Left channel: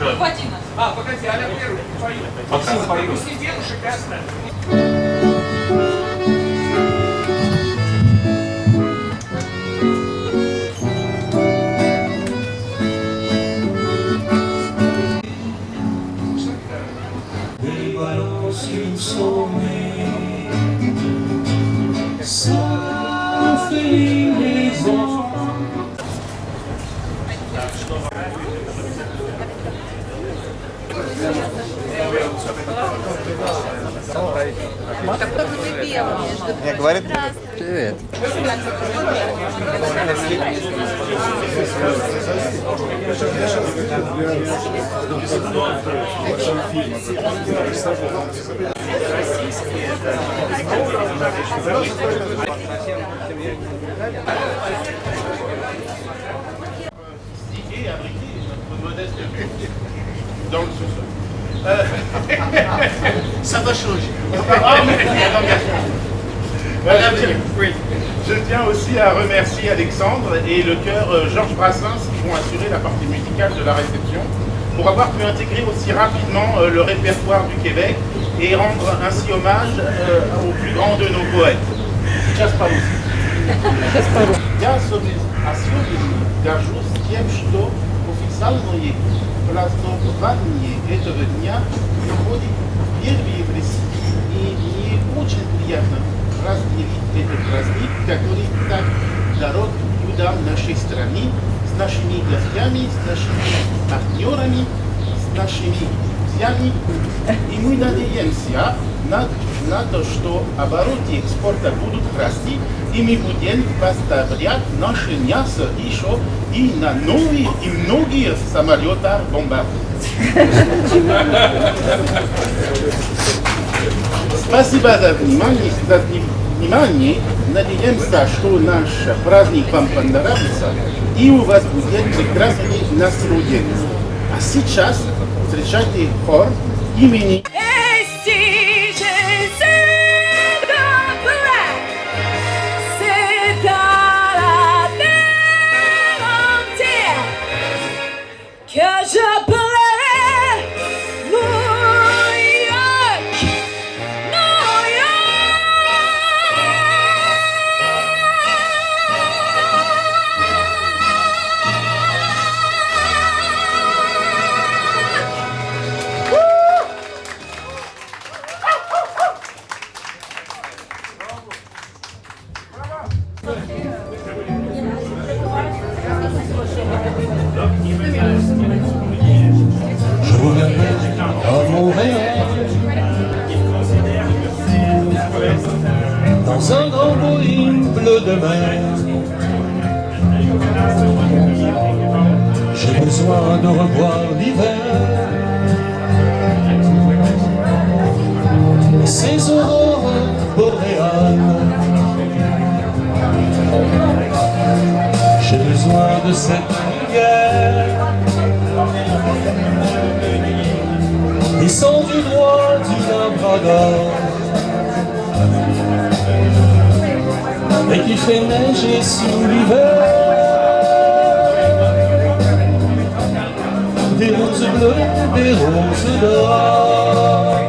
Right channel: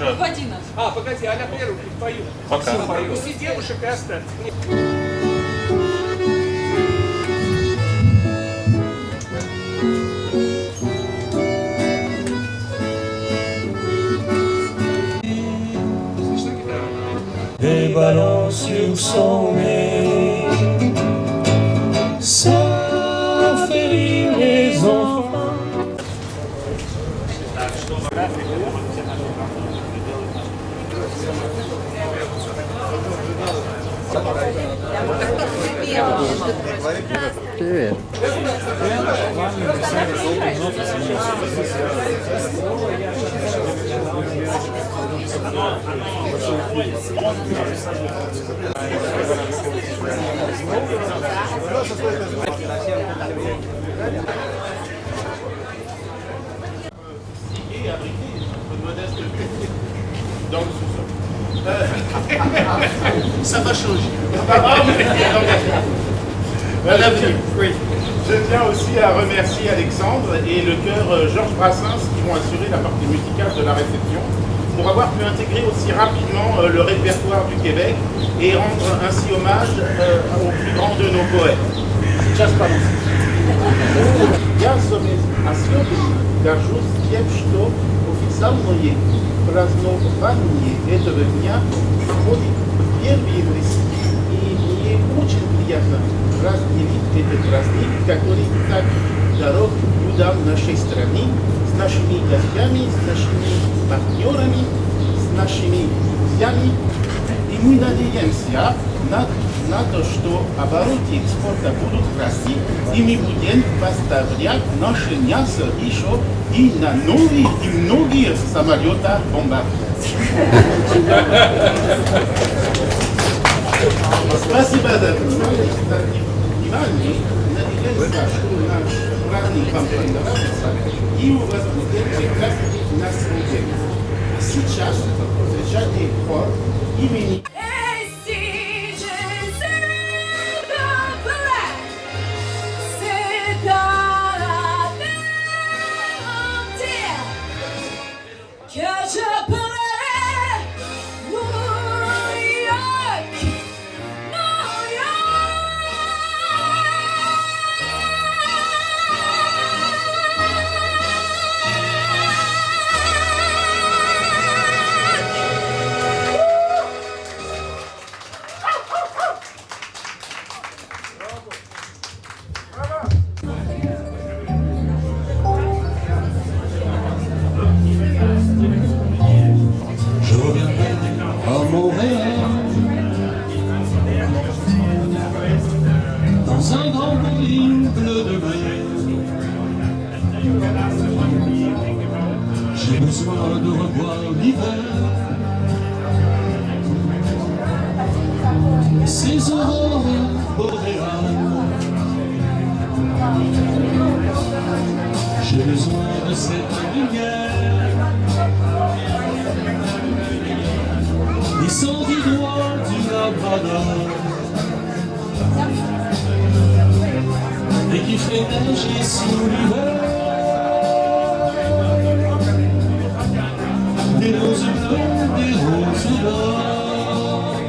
В 11. А, погоди, Аля первый пою. Пока. Пусть девушек и оставь. Des ballons sur son nez, ça fait rire les enfants. Привет. Et abriter notre modeste dans le sous-sol. Ça va changer. Voilà, oui. Je tiens aussi à remercier Alexandre et le chœur Georges Brassens qui vont assurer la partie musicale de la réception pour avoir pu intégrer aussi rapidement le répertoire du Québec et rendre ainsi hommage au plus grand de nos poètes. Я особенно горжусь тем, что официальное празднование этого дня проходит впервые в России. И мне очень приятно разделить этот праздник, который так дорог людям нашей страны, с нашими гостями, с нашими партнерами, с нашими друзьями. И мы надеемся на то, что обороты экспорта будут расти, и мы будем поставлять наше мясо еще и на новые и многие самолеты бомбардировки. Спасибо за внимание. Надеемся, что наш праздник вам понравится, и у вас будет прекрасный настроение. А сейчас встречайте хор имени Je reviendrai à Montréal, dans un grand Boeing bleu de mer. J'ai besoin de revoir l'hiver, ces aurores boréales. J'ai besoin de cette lumière descend du droit du Labrador et qui fait neiger sous l'hiver des roses bleues, des roses d'or.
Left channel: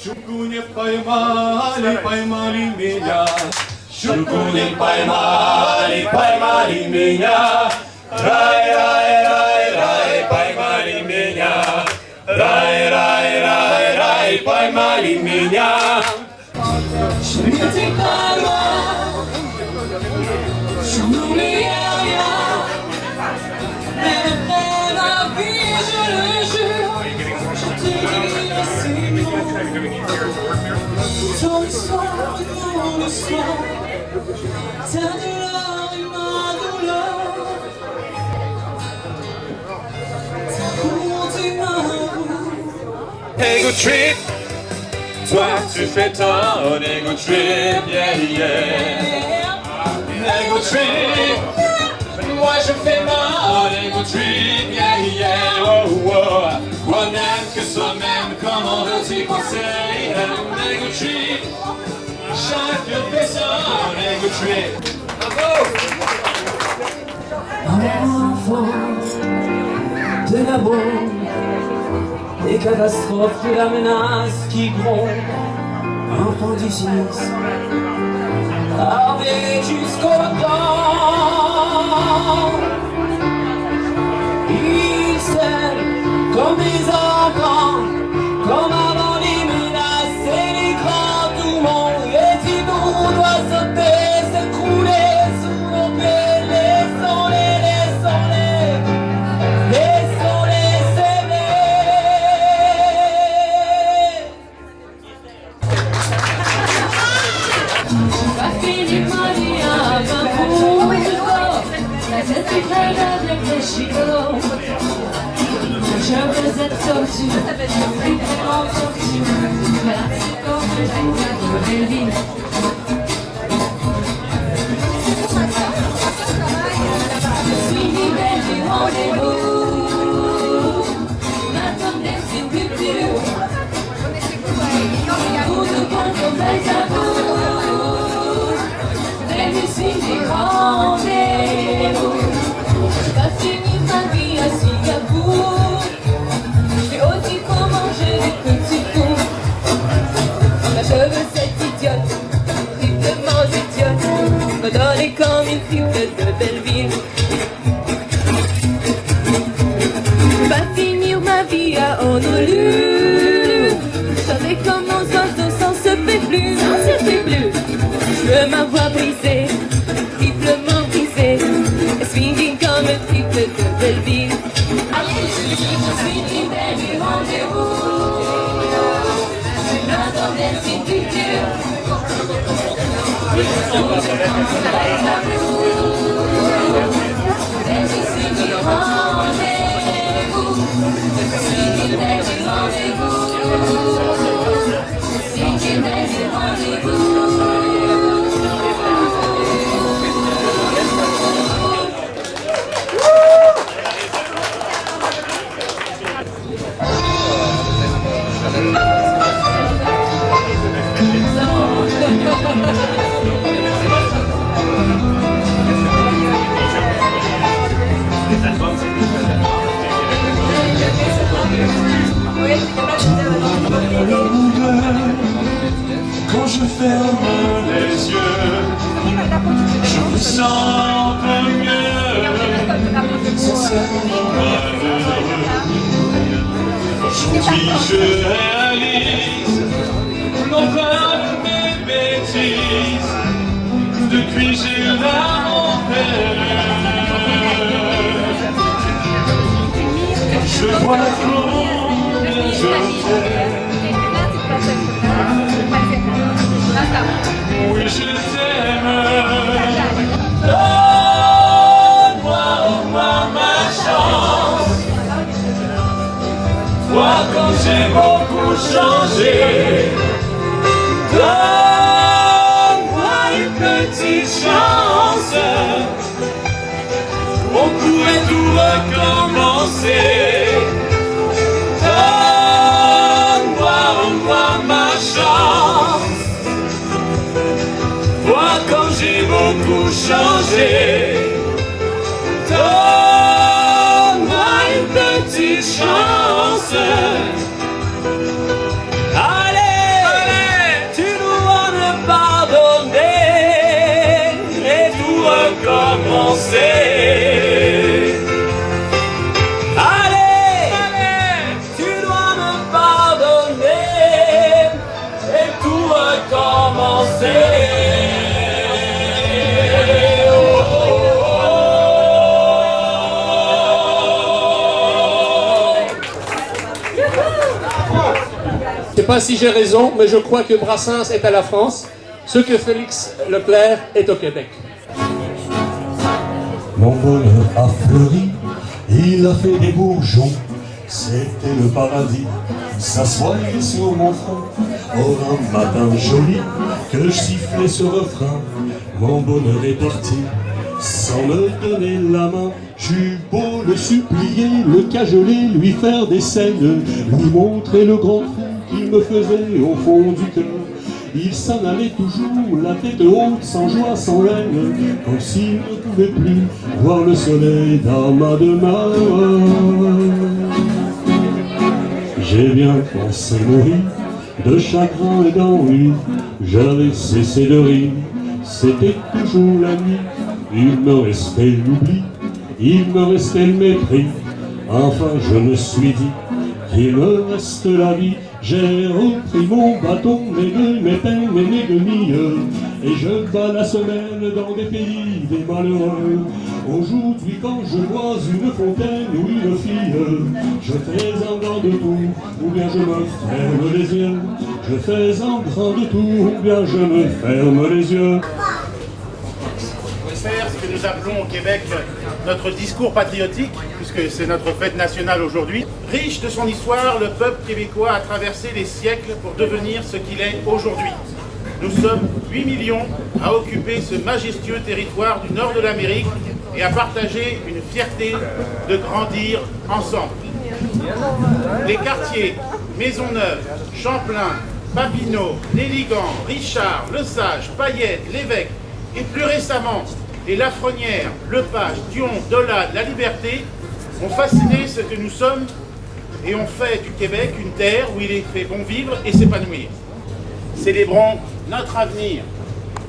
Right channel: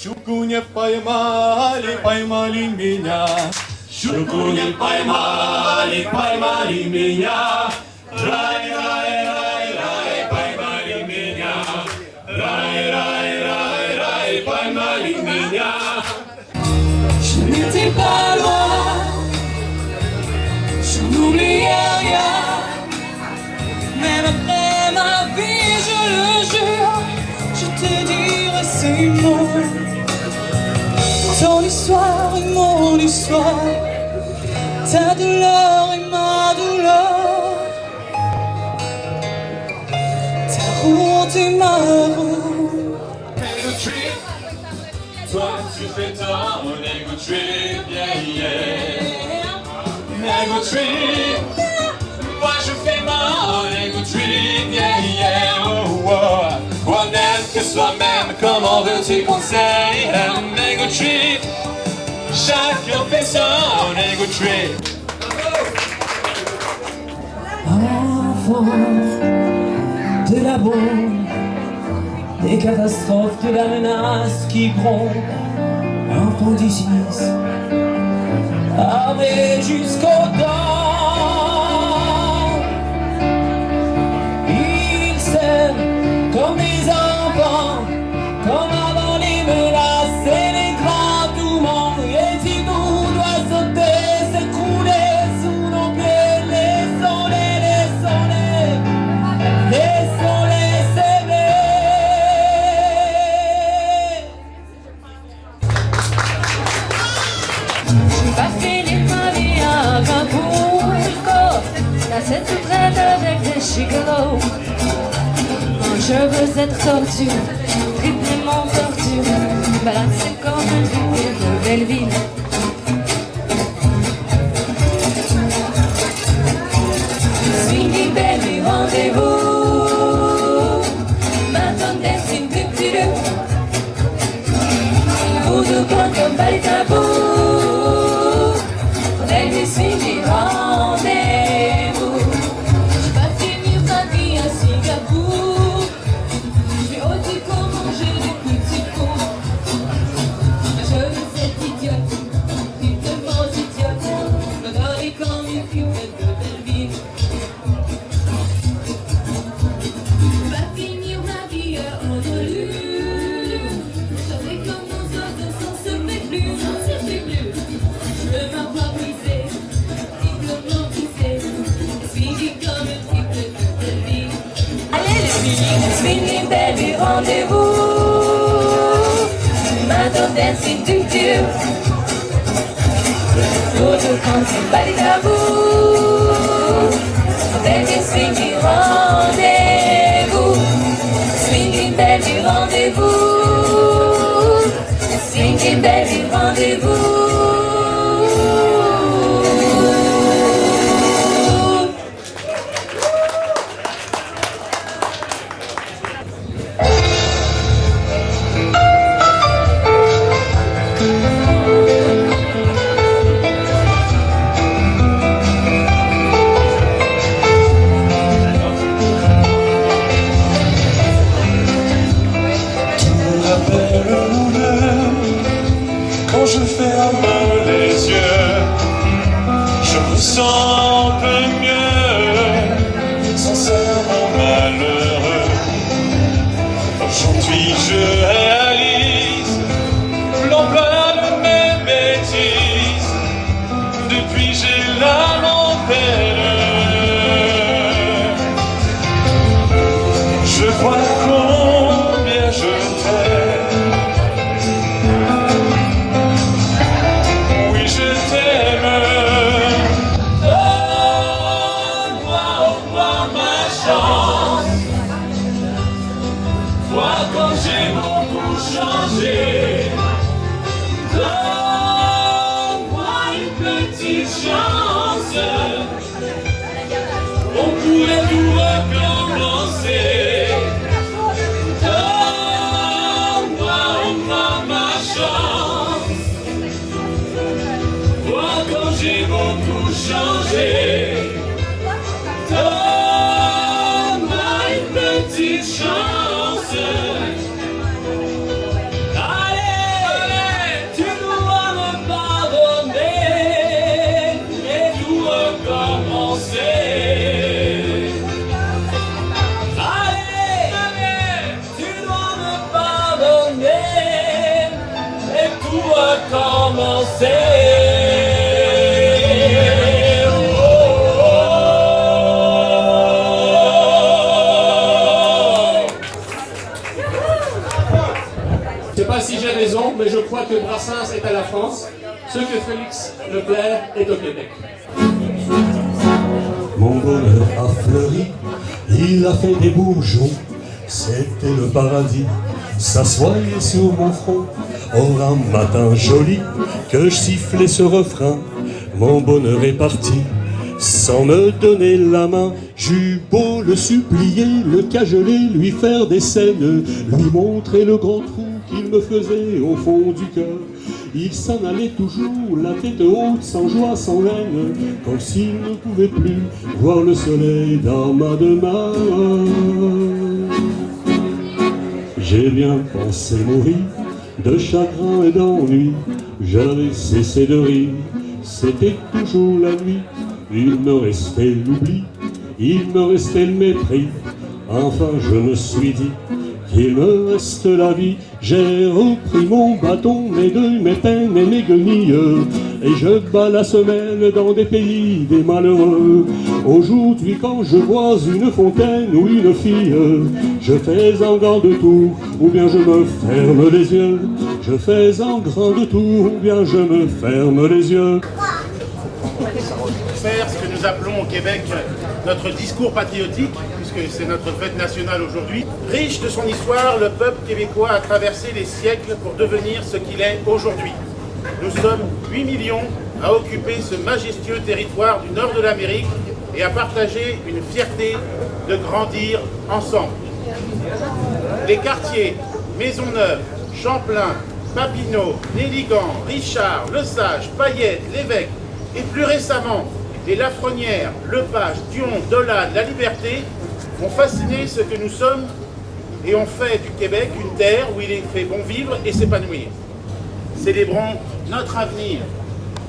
Щуку не поймали, поймали меня. Щуку не поймали, поймали меня. Рай, рай, рай, рай, поймали меня. Рай, рай, рай, рай, поймали меня. Je n'étais pas loin, je n'oubliais rien. Même après ma vie, je le jure, je te dirai ces mots. Ton histoire et mon histoire, ta douleur et ma douleur, ta route et ma route. Ego trip, toi tu fais ton ego trip, yeah yeah. Ego trip, moi je fais mon ego trip, yeah yeah. Oh oh, quoi d'être que soi-même, comment veux-tu qu'on s'aille? Ego trip, chacun fait son ego trip. Enfant de la bombe des catastrophes, de la menace qui gronde, un peu du cynisme, armé jusqu'aux dents. Ils s'aiment comme des enfants, comme avant les menaces et les grands tourments. Et si nous doit sauter, s'écrouler sous nos pieds, laissons-les, laissons-les, laissons-les s'aimer. J'ai pas fait les paris à ma bout du corps, la scène tout près avec des chicots. Je veux être tortue, triplement tortue, malade c'est comme un truc de belle ville. Swing belle du rendez-vous, maintenant c'est plus plus. Vous de bon comme pas les tabous, belle du swing du rendez-vous. J'ai pas fini ma vie à Singapour. Donner comme une fille de belle ville. Pas finir ma vie à Honolulu. J'avais comme nos oiseaux, ça se fait plus, ça se fait plus. Je veux m'avoir brisé, triplement brisé, swinging comme une fille de belle ville. Allez le swinging belle du rendez-vous. Maintenant dancing du Dieu. By taboo, then you swing du rendez-vous, swinging belle du rendez-vous, swinging belle du rendez-vous. Quand je ferme les yeux, je me sens un peu mieux, sincèrement malheureux. Aujourd'hui je réalise l'ampleur de mes bêtises, depuis j'ai l'âme en peine. Je vois combien je t'aime. J'ai beaucoup changé. Donne-moi une petite chance. On pourrait tout recommencer. Donne-moi ma chance. Vois comme j'ai beaucoup changé. Donne-moi une petite chance. Allez, tu dois me pardonner et tout recommencer. Je sais pas si j'ai raison, mais je crois que Brassens est à la France, ce que Félix Leclerc est au Québec. Mon bonheur a fleuri, il a fait des bourgeons, c'était le paradis, s'assoyait sur mon front. Or un matin joli, que je sifflais ce refrain, mon bonheur est parti, sans me donner la main. J'eus beau le supplier, le cajoler, lui faire des scènes, lui montrer le grand trou qu'il me faisait au fond du cœur. Il s'en allait toujours, la tête haute, sans joie, sans haine, comme s'il ne pouvait plus voir le soleil dans ma demeure. J'ai bien pensé mourir de chagrin et d'ennui. J'avais cessé de rire, c'était toujours la nuit. Il me restait l'oubli, il me restait le mépris. Enfin je me suis dit qu'il me reste la vie. J'ai repris mon bâton, mes gueules, mes peines et mes guenilles, et je bats la semelle dans des pays des malheureux. Aujourd'hui quand je vois une fontaine ou une fille, je fais un grand tour, ou bien je me ferme les yeux. Je fais un grand tour, ou bien je me ferme les yeux. Faire ce que nous appelons au Québec notre discours patriotique, puisque c'est notre fête nationale aujourd'hui. Riche de son histoire, le peuple québécois a traversé les siècles pour devenir ce qu'il est aujourd'hui. Nous sommes 8 millions à occuper ce majestueux territoire du nord de l'Amérique et à partager une fierté de grandir ensemble. Les quartiers Maisonneuve, Champlain, Papineau, Néligan, Richard, Lesage, Payette, Lévesque et plus récemment les Lafrenière, Lepage, Dion, Dollard, La Liberté ont fasciné ce que nous sommes et ont fait du Québec une terre où il est fait bon vivre et s'épanouir. Célébrons notre avenir.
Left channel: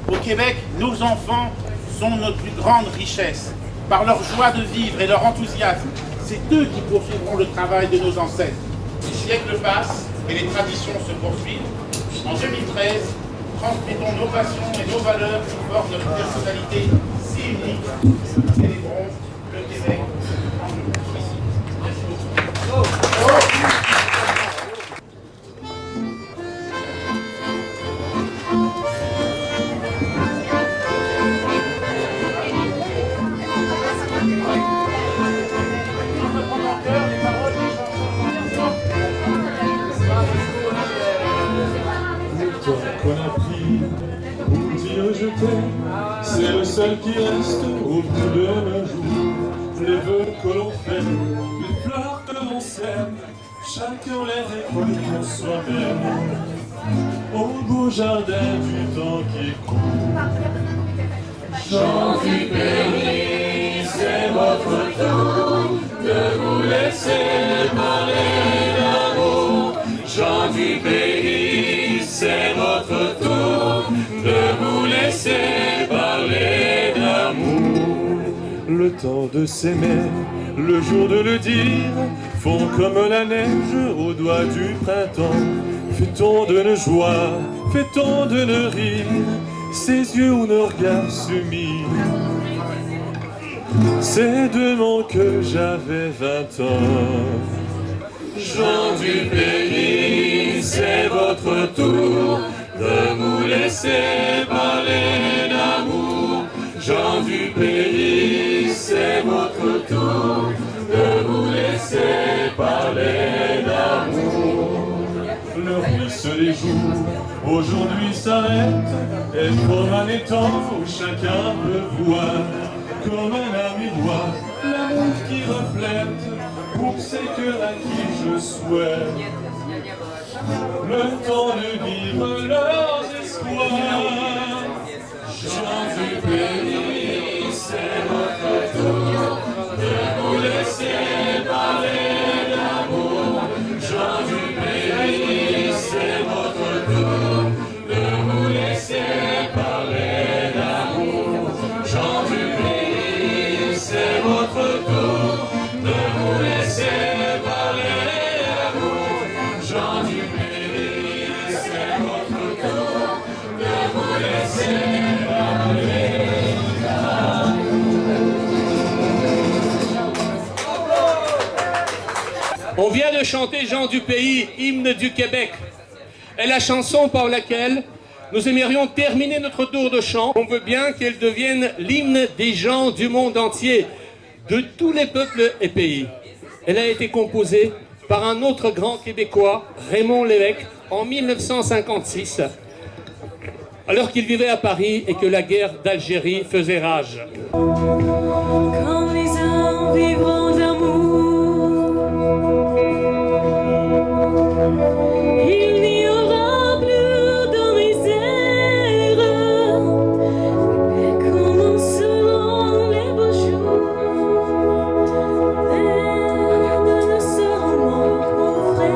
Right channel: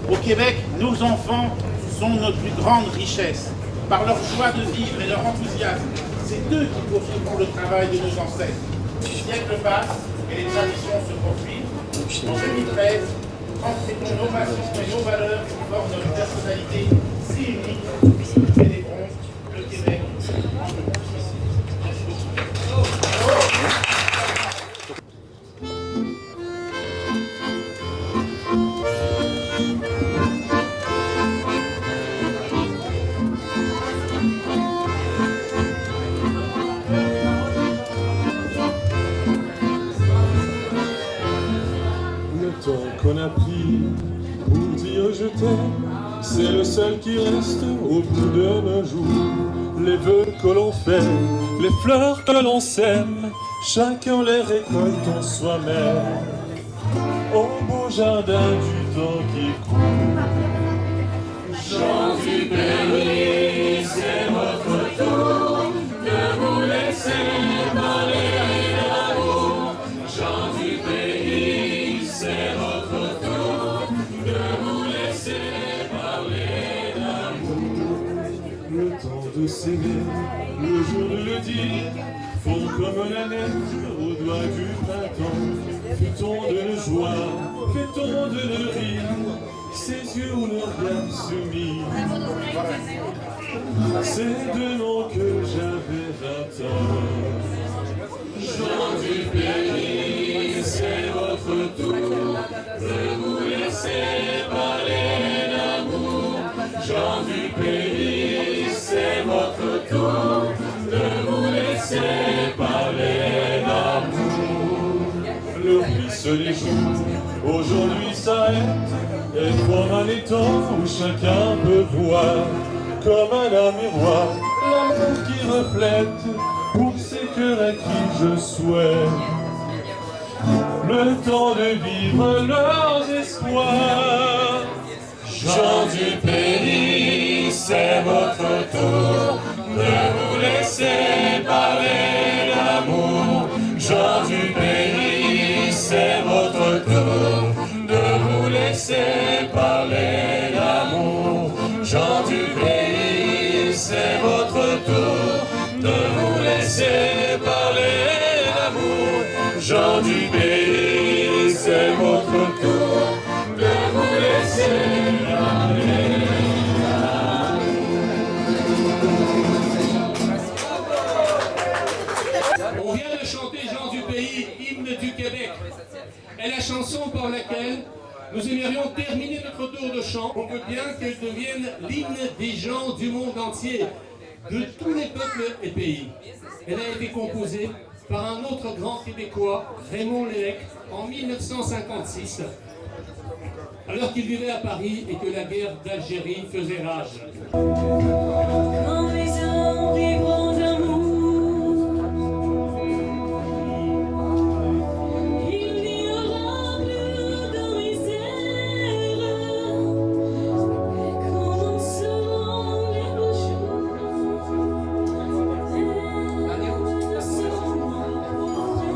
Au Québec, nos enfants sont notre plus grande richesse. Par leur joie de vivre et leur enthousiasme, c'est eux qui poursuivront le travail de nos ancêtres. Les siècles passent et les traditions se poursuivent. En 2013, transmettons nos passions et nos valeurs qui forment notre personnalité si unique. Célébrons le Québec. Qu'on a pris pour dire je t'aime, c'est le seul qui reste au bout de nos jours. Les vœux que l'on fait, les fleurs que l'on sème, chacun les récolte en soi-même. Au beau jardin du temps qui court. Gens du pays, c'est votre tour de vous laisser parler d'amour. Gens du pays, c'est votre tour de vous laisser parler d'amour. Le temps de s'aimer, le jour de le dire, font comme la neige au doigt du printemps. Fait-on de nos joies, fait-on de nos rires, ces yeux où nos regards se mirent. C'est demain que j'avais 20 ans. Gens du pays, c'est votre tour de vous laisser parler d'amour. Gens du pays, c'est votre tour de vous laisser parler d'amour. Le ruisse les jours, aujourd'hui s'arrête, et comme un étang où chacun peut voir, comme un miroir, l'amour qui reflète pour ces cœurs à qui je souhaite le temps de vivre leurs espoirs. Gens du pays, c'est votre tour de vous laisser parler d'amour. Gens du pays, c'est votre tour de vous laisser parler d'amour. Gens du pays, c'est votre tour de vous laisser parler d'amour. Gens du pays, c'est votre tour de vous laisser parler d'amour. On vient de chanter Gens du pays, hymne du Québec. est la chanson par laquelle nous aimerions terminer notre tour de chant. On veut bien qu'elle devienne l'hymne des gens du monde entier, de tous les peuples et pays. Elle a été composée par un autre grand Québécois, Raymond Lévesque, en 1956, alors qu'il vivait à Paris et que la guerre d'Algérie faisait rage. Quand les uns vivront d'amour, il n'y aura plus de misère. Et commenceront les beaux jours, et nous ne serons morts pour vrai.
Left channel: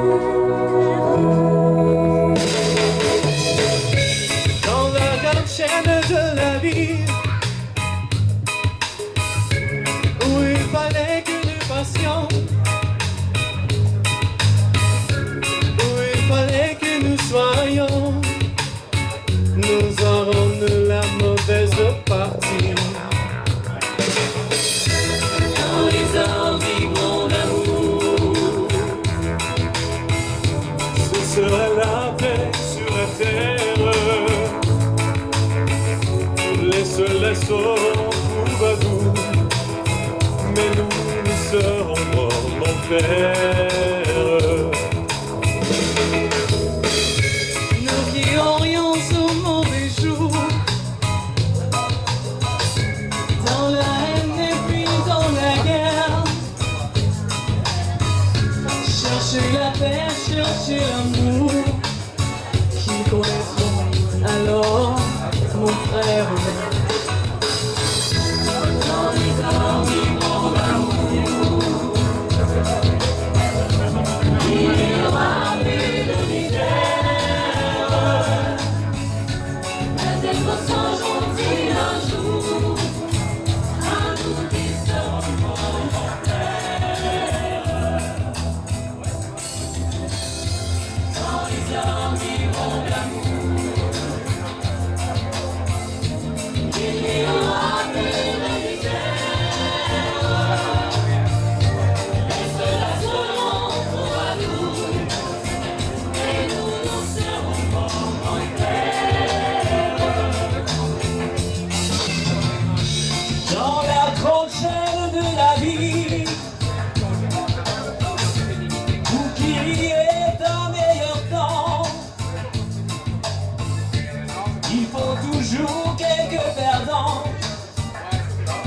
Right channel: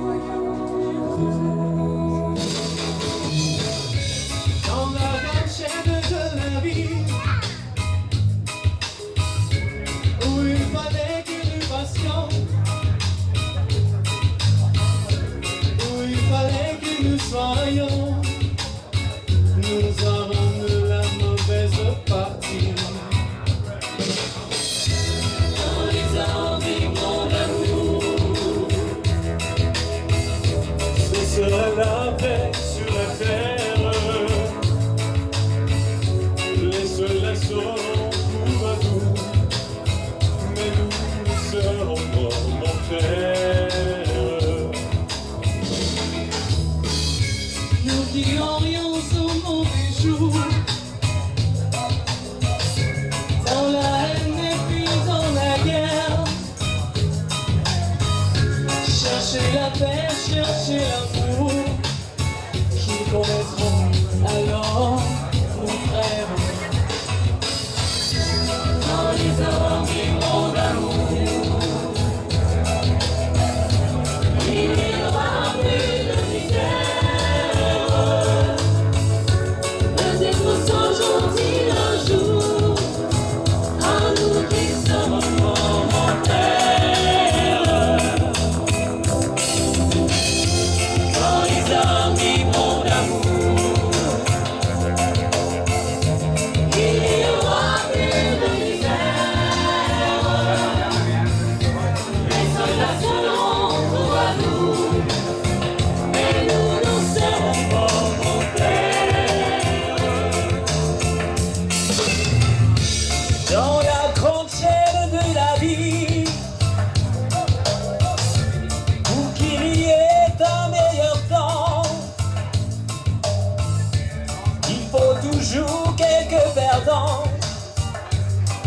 chercher l'amour qu'ils connaîtront alors, mon frère. Dans les hommes vivront d'amour, il n'y aura plus de misère. Peut-être changeront-ils un jour à nous qui sommes volontaires. Quand les hommes vivront d'amour, il n'y aura plus de misère. Les soldats seront pour à nous, et nous, nous serons volontaires. Dans la grande chaîne de la vie, pour qu'il y ait un meilleur temps, il faut toujours quelques perdants.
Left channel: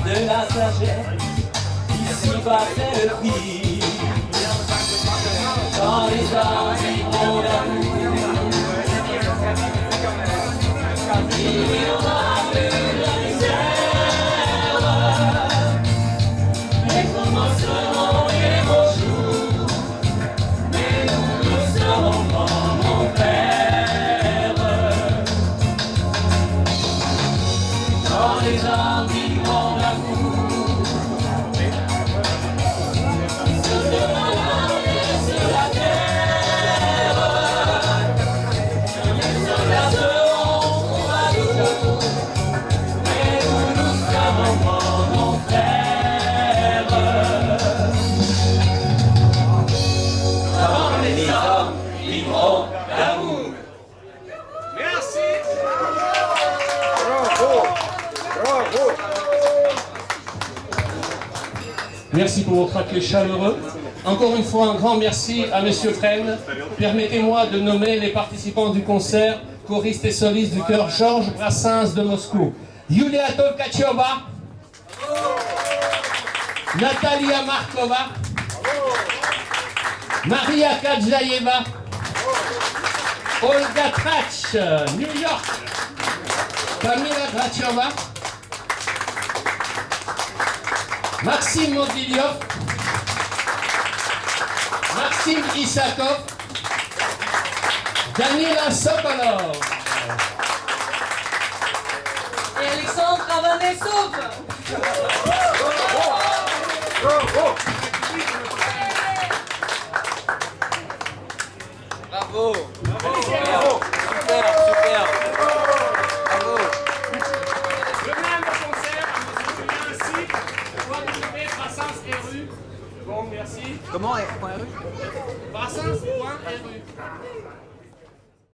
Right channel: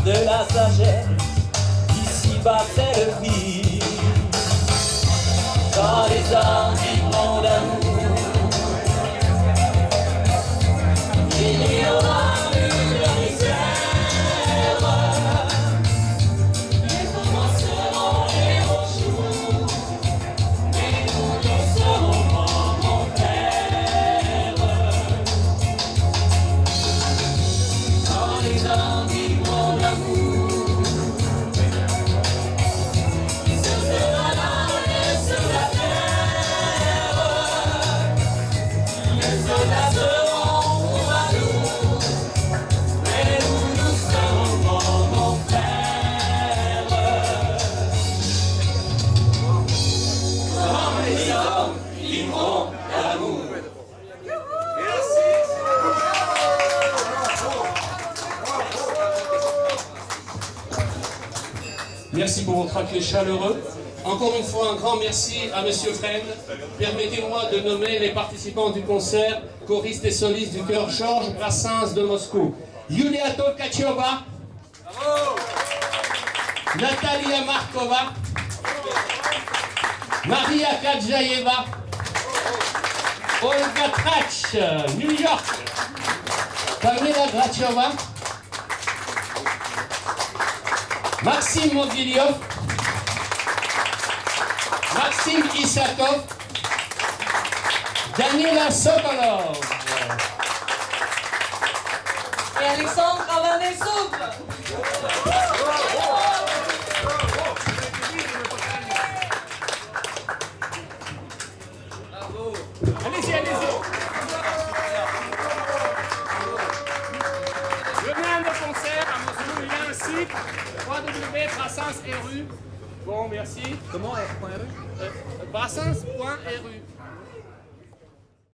De la sagesse, ici-bas c'est le pire. Quand les hommes vivront d'amour, il n'y aura plus de misère. Les commenceront les beaux jours, mais nous, nous serons comme mon père. Quand les hommes vivront d'amour, il se fera la paix sur la terre. Les soldats seront pour à nous, mais nous, nous serons volontaires. Quand les hommes vivront d'amour. Merci pour votre accueil chaleureux. Encore une fois, un grand merci à Monsieur Fresne. Permettez-moi de nommer les participants du concert, choristes et solistes du chœur Georges Brassens de Moscou. Yulia Tolkacheva, Natalia Markova, Maria Kadjaeva, Olga Trach, New York, Kamila Gracheva, Maxime Mogilyov, Maxime Isakov, Daniela Sokolov Et Alexandre Avanesov. Allez-y, allez-y. Venez à nos concerts à Moscou, il y a un site www.brassens.ru. Bon, merci. Comment point .ru Brassens.ru.